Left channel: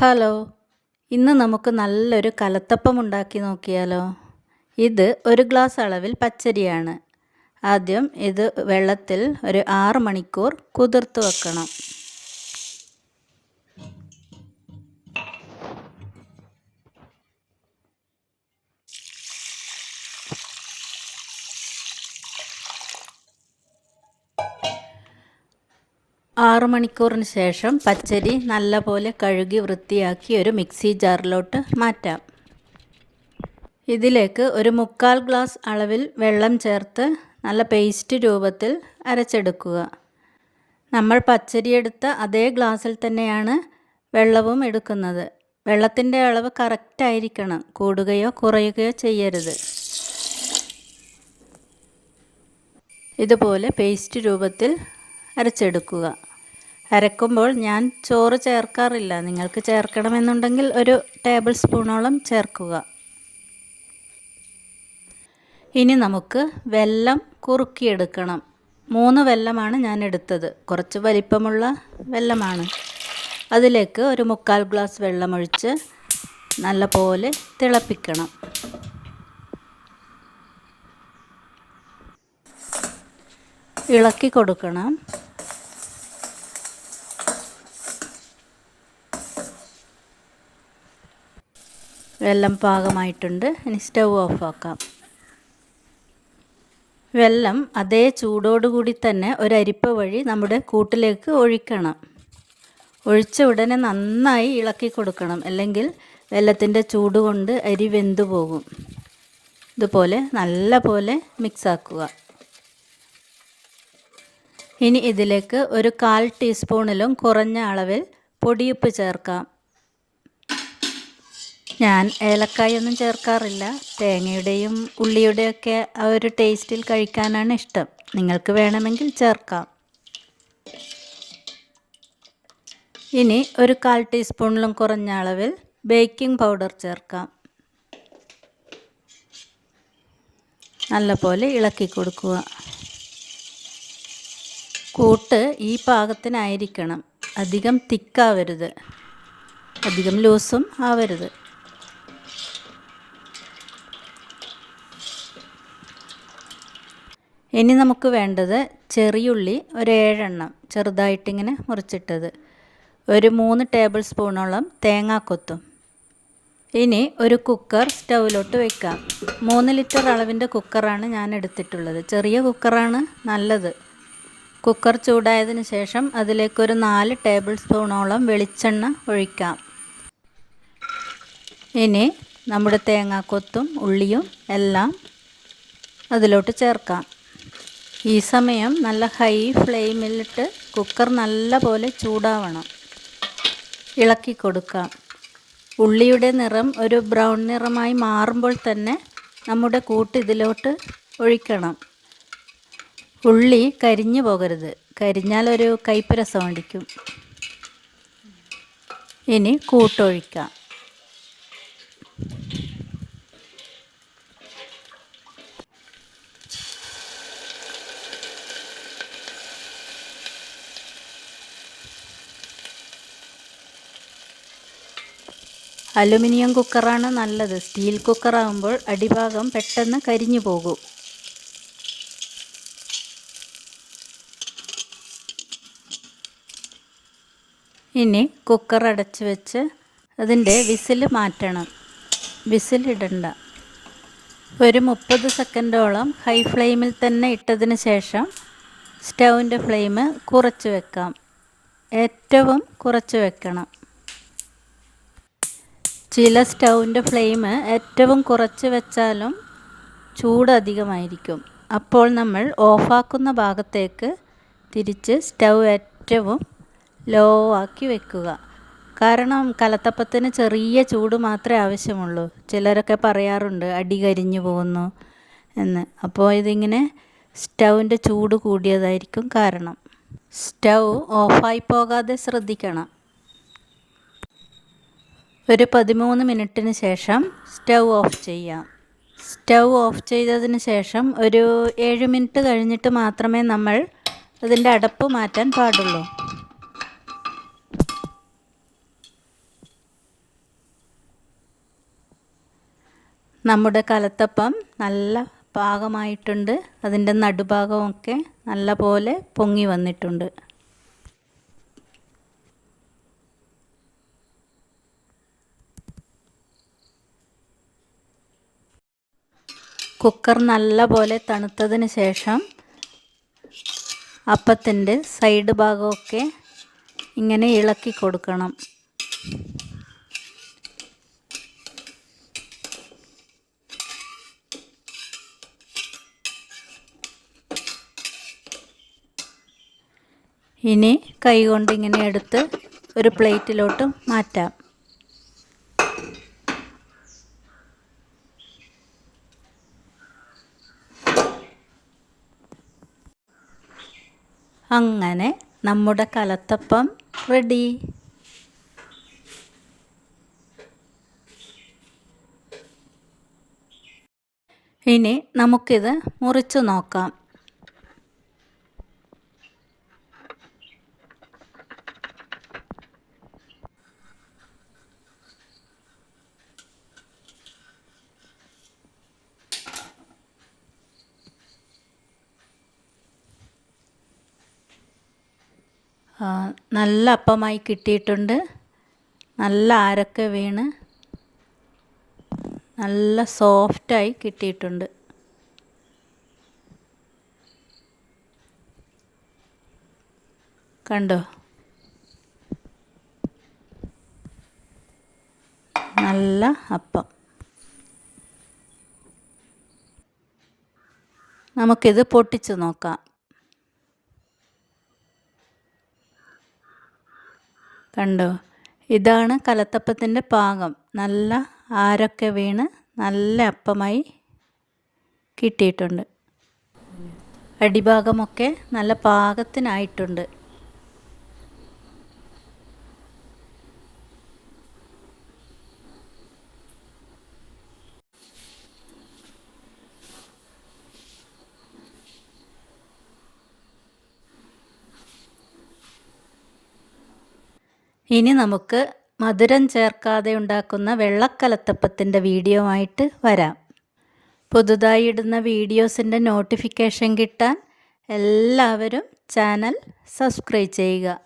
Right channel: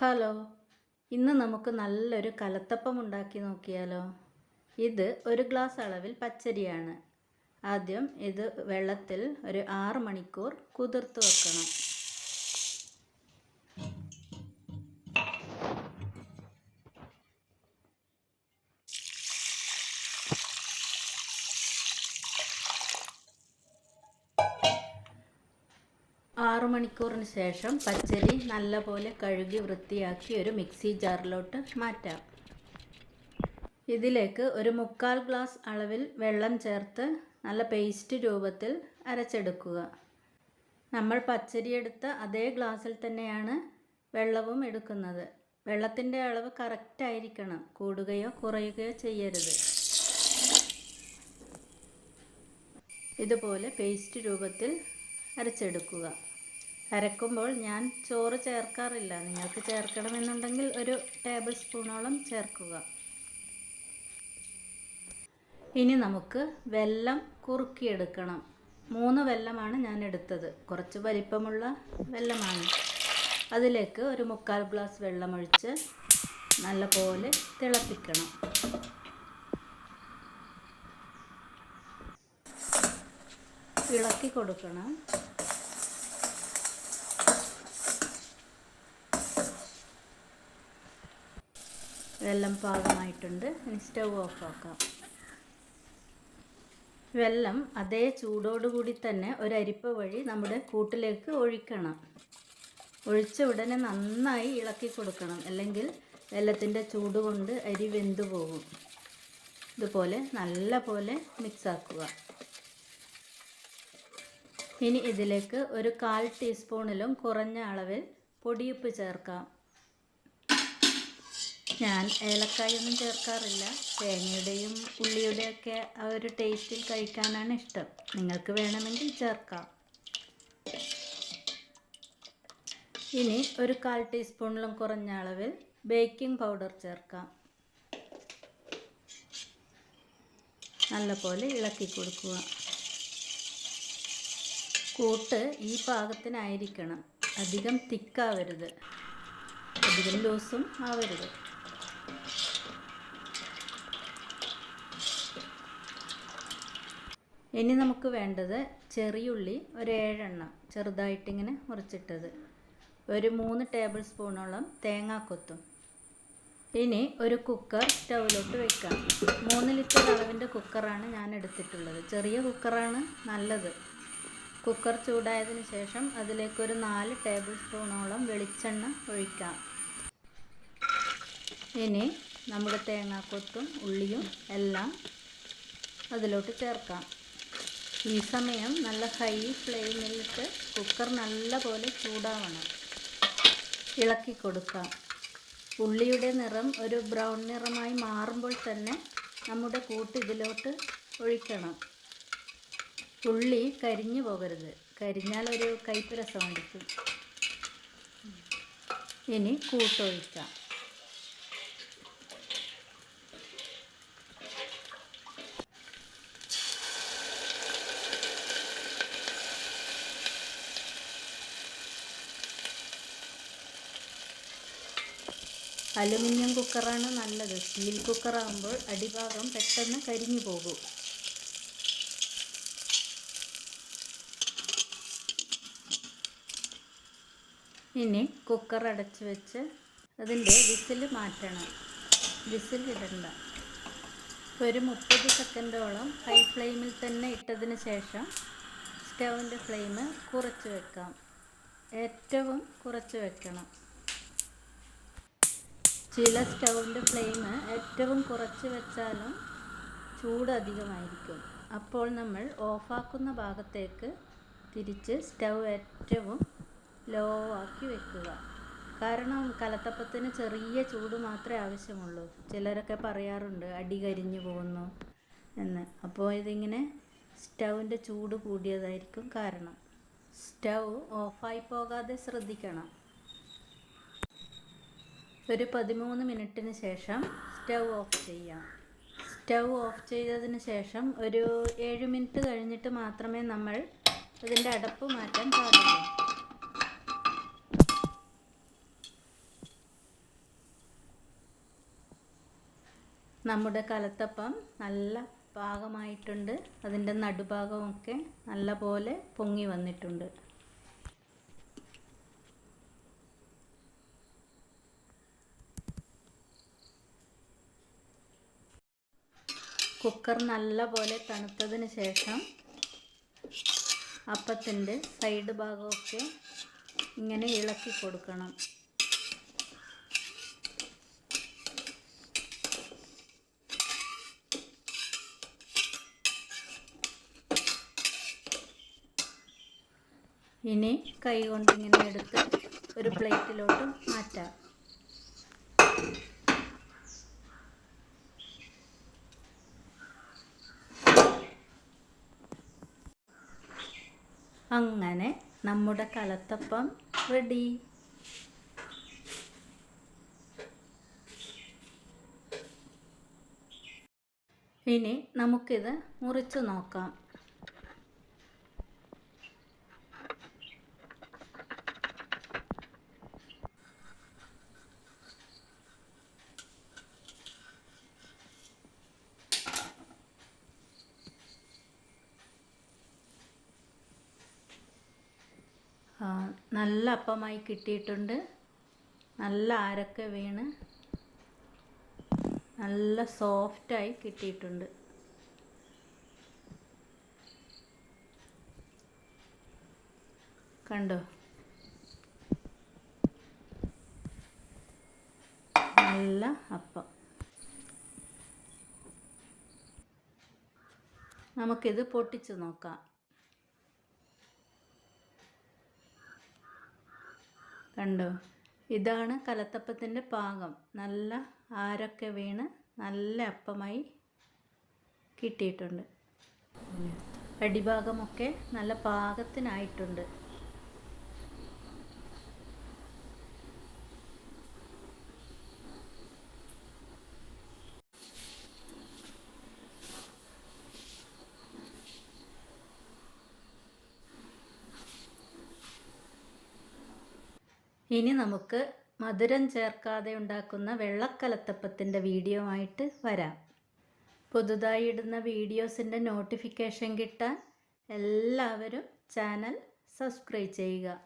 Hello, ഇന്ന് നമുക്ക് നല്ലൊരു കലത്തപ്പം ഉണ്ടാക്കി നോക്കിയാലോ? ഇത് ഒരു ഗ്ലാസ് അളവിൽ പച്ചരിയാണ്. ആദ്യം ഇത് വെള്ളത്തിൽ ഒരു 6 മണിക്കൂർ കുതിർത്ത് വെക്കണം. 6 മണിക്കൂറിന് ശേഷം പച്ചരി നല്ലപോലെ കഴുകി വൃത്തിയാക്കി ഒരു മിക്സി ജാറിലോട്ട് മാറ്റാം. ഇതിലേക്ക് ഒരു 1/4 ഗ്ലാസ് അളവിൽ വെള്ളം ചേർത്ത് നല്ല പേസ്റ്റ് രൂപത്തിൽ അരച്ചെടുക്കുക. നമ്മൾ പച്ചരി എടുത്ത അതേ ഗ്ലാസ്സിൽ തന്നെയാണ് വെള്ളവും എടുക്കുന്നത്. വെള്ളത്തിൻ്റെ അളവ് കറക്റ്റായിരിക്കണം, കൂടുകയോ കുറയുകയോ ചെയ്യരുത്. ഇതുപോലെ പേസ്റ്റ് രൂപത്തിൽ അരച്ചെടുക്കുക. അരക്കുമ്പോൾ ഞാൻ ചോറ് ചേർക്കാറില്ല. നിങ്ങൾക്ക് ചേർക്കണമെന്നുണ്ടെങ്കിൽ ഒരു ടേബിൾ സ്പൂണോളം ചേർക്കുക. ഇനി നമുക്ക് വെല്ലം കുറുക്കിയെടുക്കണം. 3 വെല്ലമാണ് ഞാൻ എടുത്തത്. കുറച്ച് വലിപ്പമുള്ള വെല്ലമാണ്. അതിലേക്ക് ഒരു 1/4 ഗ്ലാസ് വെള്ളമൊഴിച്ച് നല്ലപോലെ തിളപ്പിക്കണം. ഇളക്കി കൊടുക്കണം. വെല്ലം പാകമായിട്ടുണ്ട്. ഇനി സ്റ്റൗ ഓഫാക്കാം. വെല്ലം അതേ ചൂടോടുകൂടി തന്നെ ഒരരിപ്പ വഴി നമ്മുടെ കൂട്ടിലേക്ക് ഒഴിക്കണം. ഒഴിച്ച ഉടനെ നന്നായി ഇളക്കി കൊടുക്കണം, അല്ലെങ്കിൽ വെല്ലത്തിൻ്റെ ചൂട് കൊണ്ട് അരി വെന്തു പോകും. ഇതുപോലെ നല്ല പോലെ മിക്സാക്കുക. ഇനി ഇതിലേക്ക് ഒരു 1/4 ടീസ്പൂണിലും കുറഞ്ഞ അളവിൽ പൊടിയുപ്പ് ചേർക്കാം. ഞാൻ ഏലക്കായൊന്നും ചേർക്കാറില്ല. തേങ്ങയുടെയും ഉള്ളിയുടെയൊക്കെ ആ ഒരു ടേസ്റ്റിൽ കഴിക്കാനാണ് ഇഷ്ടം. നിങ്ങൾക്ക് വേണമെങ്കിൽ ചേർക്കാം. ഇനി ഒരു 1/4 ടീസ്പൂണിലും കുറഞ്ഞ അളവിൽ ബേക്കിംഗ് പൗഡർ ചേർക്കാം. നല്ലപോലെ ഇളക്കി കൊടുക്കുക. കൂട്ട് ഈ പാകത്തിനായിരിക്കണം. അധികം തിക്കാവരുത്, അധികം ലൂസും ആവരുത്. ഇനി നമുക്ക് വേണ്ടത് ചെറിയുള്ളി ഒരു 7 എണ്ണം ചെറുതായിട്ടിങ്ങനെ മുറിച്ചിട്ടത്, ഒരു 3 ടേബിൾ സ്പൂണോളം തേങ്ങാക്കൊത്തും. ഇനി ഒരു കുക്കർ സ്റ്റൗവിലോട്ട് വയ്ക്കാം. 3 ലിറ്റർ അളവിൻ്റെ കുക്കറാണ് ഞാൻ എടുത്തിട്ടുള്ളത്. ചെറിയ കുക്കറാണ് നല്ലത്. കുക്കർ ചൂടായതിന് ശേഷം അതിലേക്കൊരു 4 ടേബിൾ സ്പൂണോളം വെളിച്ചെണ്ണ ഒഴിക്കാം. ഇനി നമ്മുടെ തേങ്ങാക്കൊത്തും ഉള്ളിയും എല്ലാം അതിലോട്ട് ചേർക്കാം. ഈ സമയം നല്ല ഹൈ ഫ്ലെയിമിലിട്ട് കുക്കർ നല്ല പോലെ ചൂടാവണം. ഇളക്കി കൊടുക്കാം. ഉള്ളിയുടെ നിറം ഒരു ബ്രൗൺ നിറമായി മാറുമ്പോൾ തന്നെ നമ്മുടെ കൂട്ട് ഇതിലോട്ട് ഒഴിക്കണം. ഉള്ളി കരിഞ്ഞു പോകരുത്. കരിഞ്ഞാൽ ഒരു കയ്പ്പ് രസം അടിക്കും. ഇനി കൂട്ടൊഴിക്കാം. അലുമിനിയം കുക്കറാണ് നല്ലത്. സ്റ്റീൽ കുക്കറാകുമ്പോൾ അടിഭാഗം പെട്ടെന്ന് കരിഞ്ഞു പോകും. ഇനി കുക്കർ അടച്ച് വെച്ച് അതിൻ്റെ വിസിൽ മാറ്റണം. വിസിലിടണ്ട. ഒരു 30 സെക്കൻഡോളം ഹൈ ഫ്ലെയിമിൽ തന്നെ ഇട്ടതിന് ശേഷം സ്റ്റൗവിൻ്റെ ഫ്ലെയിം കുറച്ച് വെക്കാം. ഏറ്റവും കുറച്ച് വെക്കണം. ചില സ്റ്റൗവിൻ്റെ ഫ്ലെയിം ഏറ്റവും കുറച്ച് വെച്ചാലും ചൂട് അധികമായിരിക്കും. അപ്പോൾ നമ്മൾ ഓഫാക്കുന്ന ഭാഗത്തേക്ക് തിരിച്ച് സ്റ്റൗ ഏറ്റവും ലോ ആക്കി വെക്കുക. കാരണം കലത്തപ്പത്തിന് ചെറിയ ചൂട് മാത്രമേ ആവശ്യമുള്ളൂ. ചിലരൊക്കെ പറയാറുണ്ട് അടി കരിഞ്ഞു പോകുന്നു എന്ന്. അപ്പോൾ ഇതിങ്ങനെ സ്റ്റൗവിൻ്റെ ചൂട് കൂടിയതായിരിക്കും കാരണം. സ്റ്റൗ ഓഫായി പോകാതെ ശ്രദ്ധിക്കണം. ഒരു 13 മിനിറ്റിന് ശേഷം സ്റ്റൗ ഓഫ് ചെയ്യാം. സ്റ്റൗ ഓഫ് ചെയ്തതിന് ശേഷം ഒരു 7 മിനിറ്റ് കഴിഞ്ഞിട്ട് മാത്രമേ നമ്മൾ അതിൻ്റെ അടപ്പ് മാറ്റാൻ പാടുള്ളൂ. നമ്മുടെ കലത്തപ്പം നല്ല പാകമായിട്ടുണ്ട്. അതിൻ്റെ നടുഭാഗമൊക്കെ നല്ല പോലെ പൊങ്ങി വന്നിട്ടുണ്ട്. കുക്കർ നല്ല പോലെ തണുത്തതിന് ശേഷം അപ്പത്തിൻ്റെ സൈഡ് ഭാഗമൊക്കെ ഇങ്ങനെ ഇളക്കി കൊടുക്കണം. ഇനി കൈ കൊണ്ട് ഇങ്ങനെ എടുത്ത് ഒരു പ്ലേറ്റിലോട്ട് മാറ്റാം. അങ്ങനെ നമ്മുടെ കലത്തപ്പം റെഡി. ഇനി നമുക്കിത് മുറിച്ച് നോക്കാം. നല്ല അപ്പമായി കിട്ടിയിട്ടുണ്ട്. നല്ല ആരൊക്കെ വീണ് നല്ല സോഫ്റ്റായി കിട്ടിയിട്ടുണ്ട്. കണ്ടോ? നല്ല അപ്പം. നമുക്കിത് പൊട്ടിച്ച് നോക്കാം. കണ്ടോ? ഇതാണ് കലത്തപ്പത്തിൻ്റെ പാകം. നല്ല ആരൊക്കെ വീണ് നല്ല അപ്പമായി കിട്ടിയിട്ടുണ്ട്. അടിഭാഗമൊക്കെ നല്ല പാകത്തിനായിട്ടുണ്ട്. ഇനി നമുക്ക് മധുരം ചേർക്കാതെ ഉണ്ടാക്കുന്ന വെള്ളക്കലത്തപ്പത്തിൻ്റെ വീഡിയോ ആയിട്ട് വരാം. പുതുതായി ഇടുന്ന വീഡിയോസിൻ്റെ നോട്ടിഫിക്കേഷൻ കിട്ടാൻ എല്ലാവരും ചാനൽ സബ്സ്ക്രൈബ് ചെയ്യുക.